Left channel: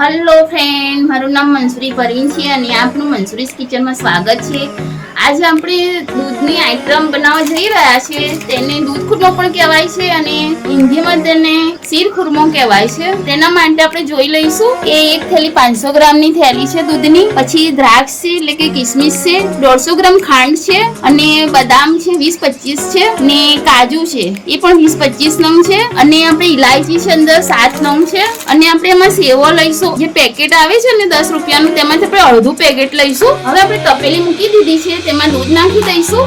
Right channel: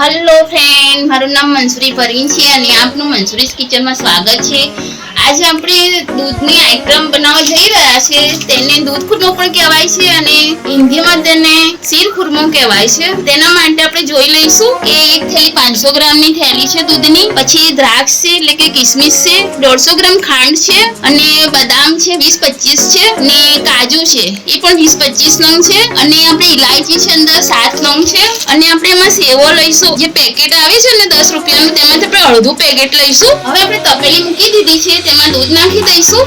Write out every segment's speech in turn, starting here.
Hello friend, मारू नाम मंसूरी परवीन है અને આપનું મંસૂરીસ કિચનમાં સ્વાગત છે। આજે આપણે દૂધની આઈટમ બનાવવા જઈ રહ્યા છે। તેને દૂધ ખુરમો પણ કહેવાય છે અને હિન્દીમાં તેને શીર ખુરમો કહેવાય છે। તેના માટે આપણે જોઈ લઈશું કે એક થેલી 500 ગ્રામની થેલી છે દૂધની, પછી દ્રાક્ષ છે એટલે કે કિસમિસ છે, 150 ગ્રામ ખાંડ છે અને બદામ છે 20-25 છે ને કાજુ છે એ પણ 20-25 નંગ છે અને આપણે ઇલાયચી છે અંદર 7 નંગ છે અને આપણે એમાં સેવો લઈશું જે પેકેટ આવે છે ને 10 રૂપિયાનું, તેમાંથી આપણે અડધું પેકેટ લઈશું। હવે આપણે તપેલી મૂકી દીધી છે, તેમાં દૂધ નાખી દઈશું।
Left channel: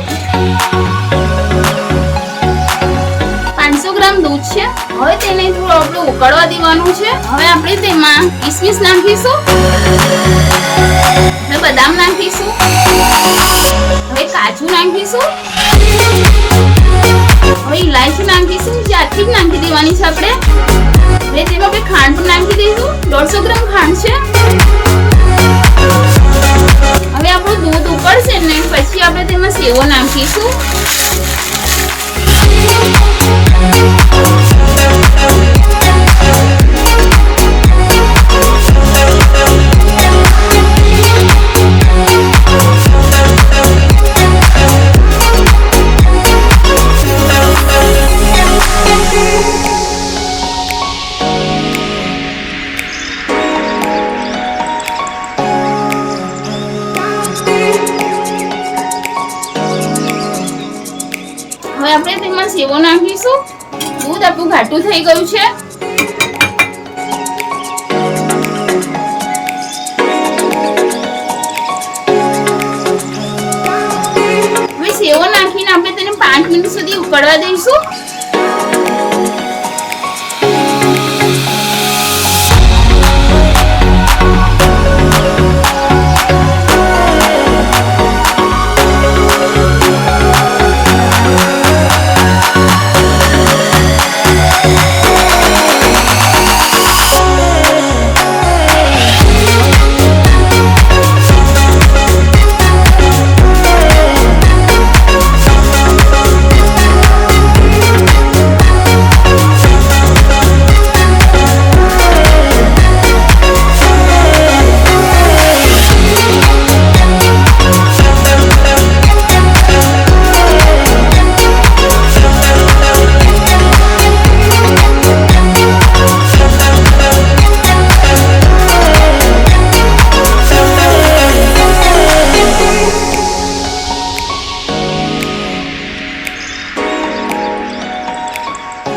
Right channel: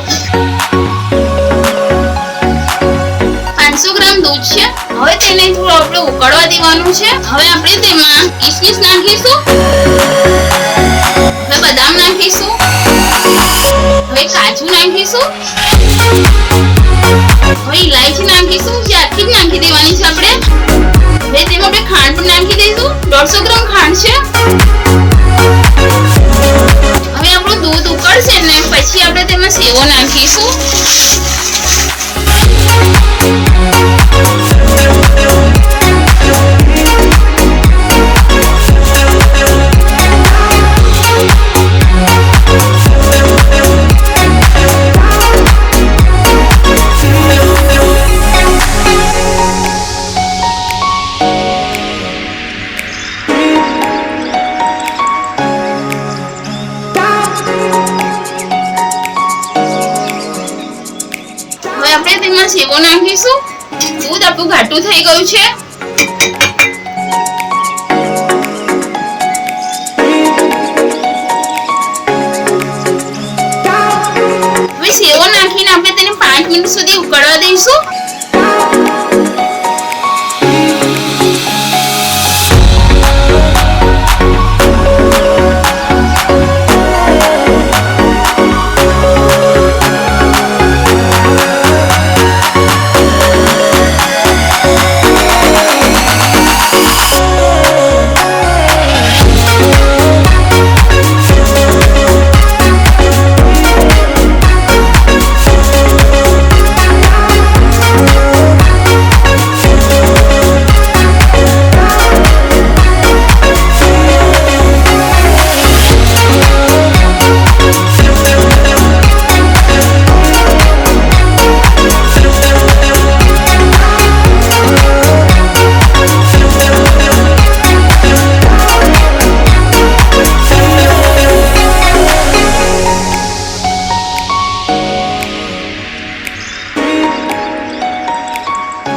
500 ગ્રામ દૂધ છે। હવે તેને થોડું આપણે ઉકળવા દેવાનું છે। હવે આપણે તેમાં કિસમિસ નાખીશું, હવે બદામ નાખીશું, હવે કાજુ નાખીશું, હવે ઇલાયચી નાખીશું જે આખી જ નાખી દેવાની છે આપણે। હવે તેમાં આપણે ખાંડ પણ નાખી દઈશું, 150 ગ્રામ ખાંડ છે। હવે આપણું દૂધ ઉકળશે ને પછી આપણે તેમાં સેવો નાખીશું। હવે આપણે તેમાં સેવો નાખીશું। દૂધ આપણું ઘાટું થઈ ગયું છે। હવે સેવો નાખીને આપણે તેને 5 મિનિટ સુધી ઉકળવા દઈશું।